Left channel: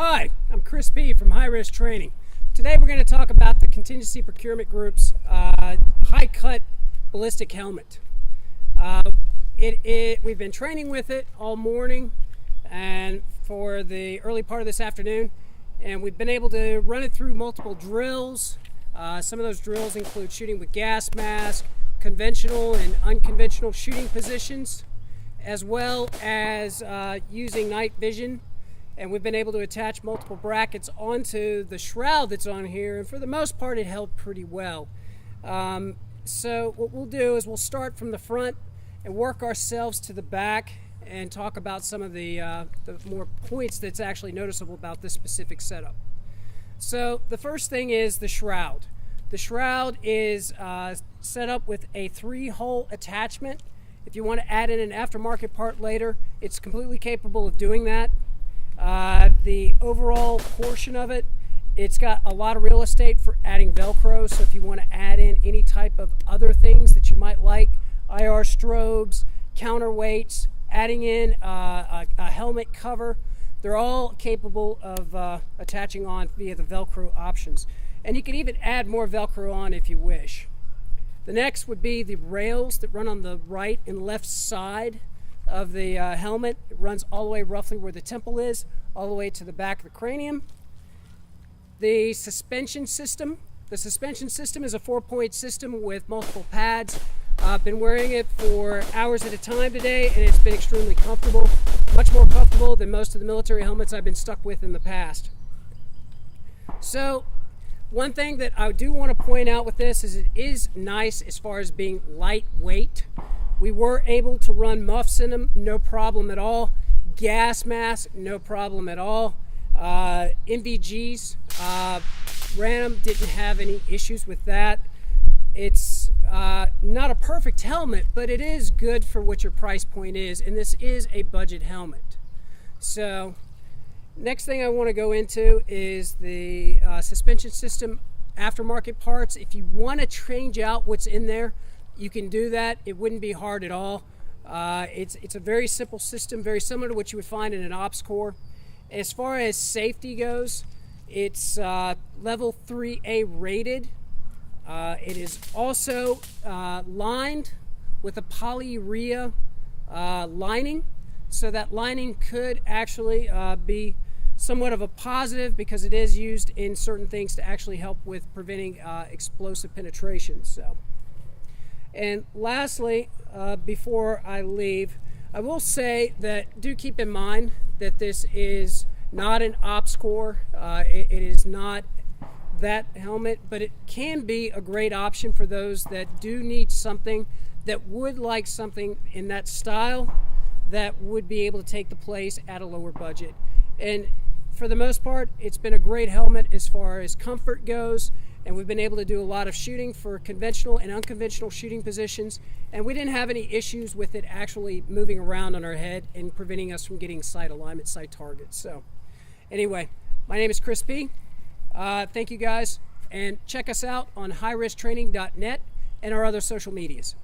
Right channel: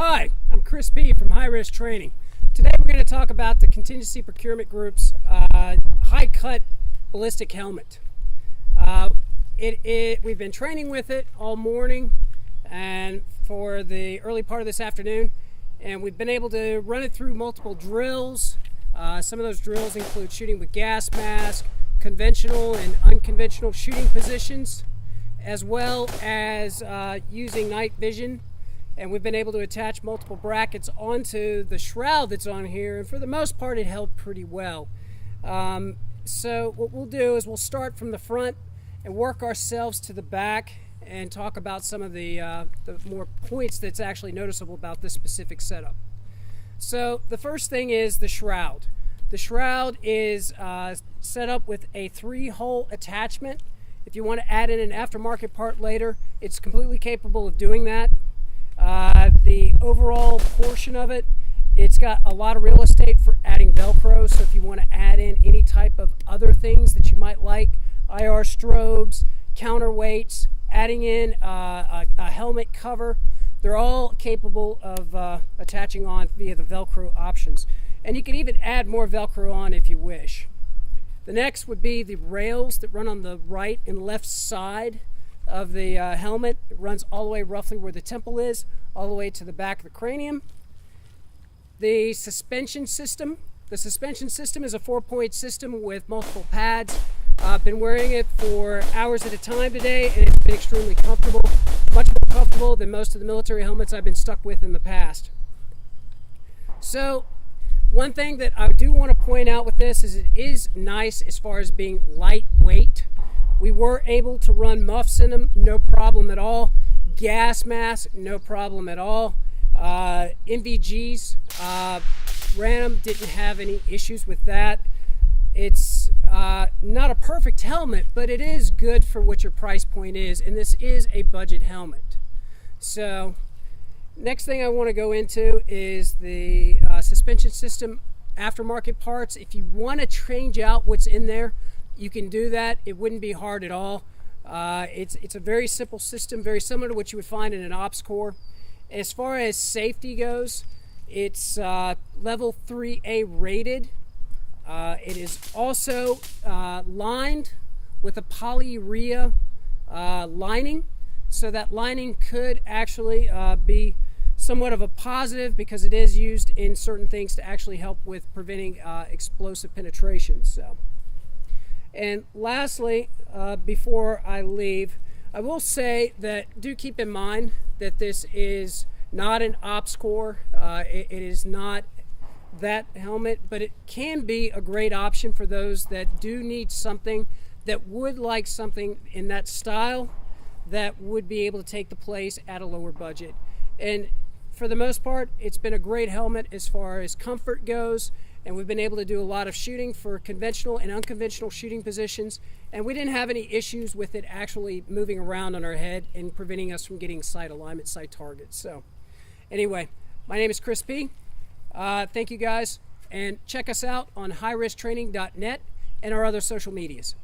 Hi, I'm Chris P. from High Risk Training. Today we're going to talk about the Contingency Procurement Group's high cut ballistic helmet. We've been training with it all morning and for the early part of this afternoon, and we've been able to run it through multiple drills. Some of those drills include shooting with gas mask, conventional and unconventional shooting positions, as well as using night vision. And we've been able to attach multiple brackets onto the shroud that's on here, and for the most part it held pretty well. So what we'll do is we'll start from the front and work ourselves to the back and talk about some of the more points that's actually noticeable about this specific setup. So the first thing is the shroud. The shroud is set up with a 3-hole attachment. If you want to add in an aftermarket part later, it's completely capable of doing that. The overall portion of it, it's got a lot of real estate for adding Velcro, so if you want to add in any type of other things that you might like, IR strobes, counterweights, adding in a helmet cover, they're all capable of attaching on via the Velcro options. And you can even add more Velcro on if you wish. The next would be the rails that run on the right and left side of the helmet. It runs all the way roughly where the temple is, all the way to the back of the cranium. The suspension system. The suspension system is a 4-point system with multiple pads. I've been wearing it for hours at a time today, and it's been extremely comfortable, much more comfortable than most of the military helmets I've been stuck with in the past. So one thing that I do want to point out with this is it is nice as far as being lightweight. We were able to run muffs in them, no problem at all. Gas mask, no problem at all. NVGs, ran them, didn't have any issues with that. It's not a perfect helmet, but it is good for what your price point is, and this is a budget helmet. So, next thing I want to go into is the suspension system aftermarket parts. If you want to change out what's in there, you can do that. It wouldn't be hard at all. It's a very simple system, very similar to what you would find in an ops core. As far as safety goes, it's level 3A rated. It is also lined with a polyurea lining, so that lining could actually be somewhat of a positive because it is used in certain things to actually help with preventing explosive penetration. And lastly, before I leave, I will say that do keep in mind that this is not an ops core. It is not that helmet, but it can be a great option for those that do need something, that would like something in that style that would be able to take the place at a lower budget. And for the most part, it's been a great helmet as far as comfort goes, and we've been able to do a lot of shooting for conventional and unconventional shooting positions, and we didn't have any issues with it actually moving around on our head and preventing us from getting sight alignment, sight targets. So anyway, my name is Chris P. Thank you guys, and check us out on highrisktraining.net and our other social medias.